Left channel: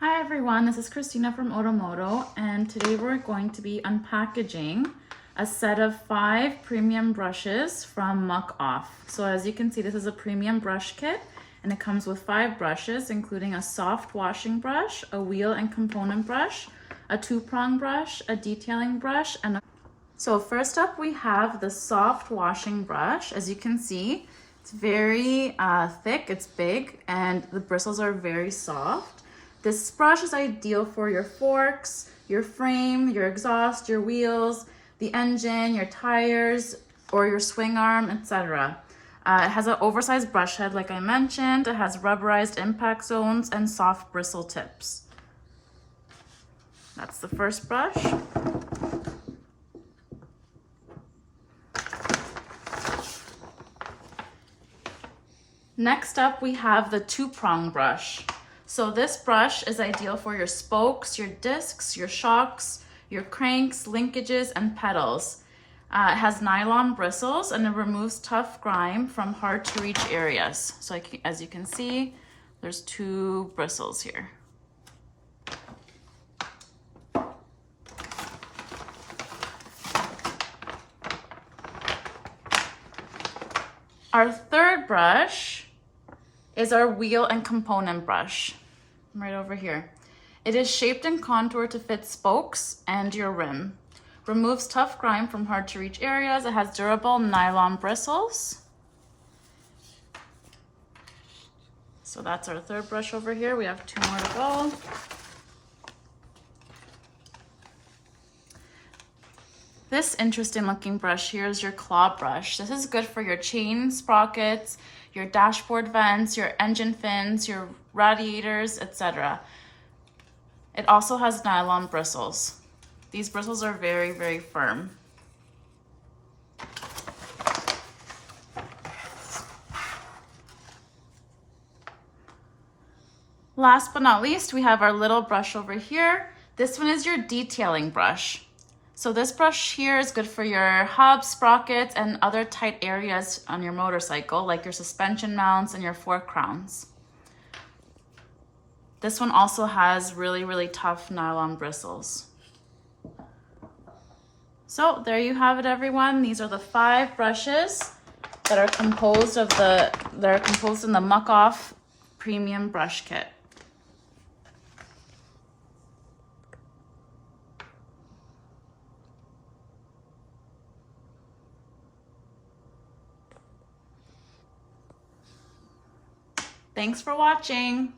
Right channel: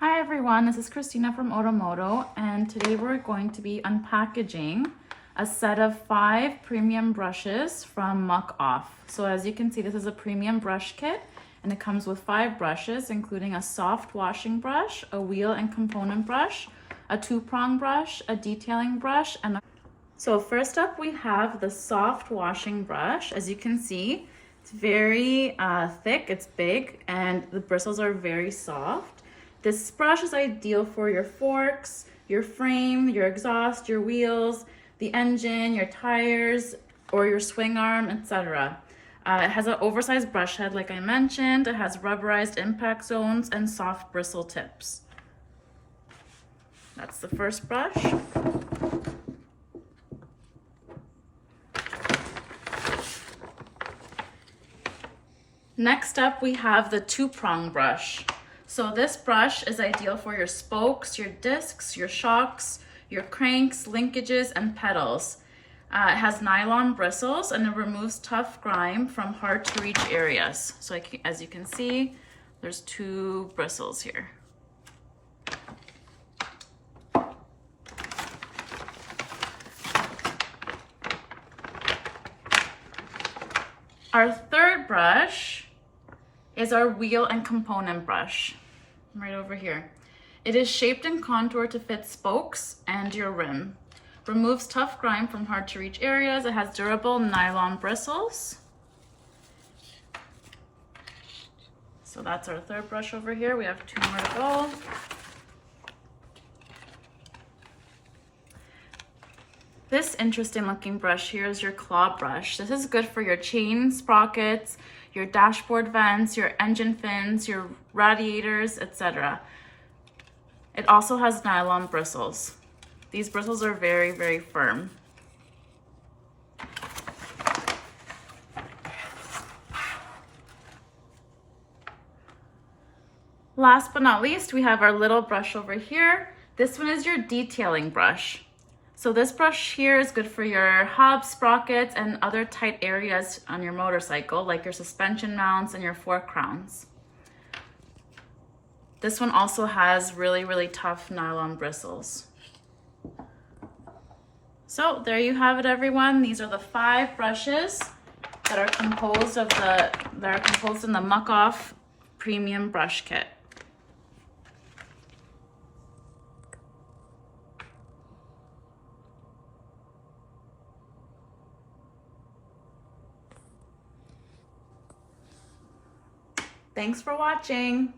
Hi everyone, this is Christina from Otomoto, and today we're going to be unpackaging a set of 5 premium brushes from Muc-Off. So as you can see, this is a premium brush kit and it comes with 5 brushes, including a soft washing brush, a wheel and component brush, a 2-prong brush, a detailing brush, and So first up we have the soft washing brush. As you can see, it's very thick, it's big, and the bristles are very soft. This brush is ideal for your forks, your frame, your exhaust, your wheels, the engine, your tires, or your swing arm, etc. It has an oversized brush head, like I mentioned. It has rubberized impact zones and soft bristle tips. That's the first brush. Next up, we have the 2-prong brush. So this brush is ideal for your spokes, your discs, your shocks, your cranks, linkages, and pedals. It has nylon bristles and it removes tough grime from hard to reach areas. So as you can see, there's 2 bristles here. Our third brush is our wheel and component brush, right over here. It is shaped and contoured to fit spokes and your rim. Removes tough grime from hard to reach areas. It has durable nylon bristles. So that's our third brush over here. We have 2 more to go. This interesting looking brush here is your claw brush. This is good for your chain sprockets, your dashboard vents, your engine fins, your radiators, etc. It also has nylon bristles. These bristles are very, very firm. Last but not least, we have our little brush over here. This one is your detailing brush. So this brush here is good for your hubs, sprockets, and other tight areas on your motorcycle, like your suspension mounts and your fork crowns. This one also has really, really tough nylon bristles. So there you have it, everyone. These are the 5 brushes that are composed in the Muc-Off Premium Brush Kit. Thanks for watching.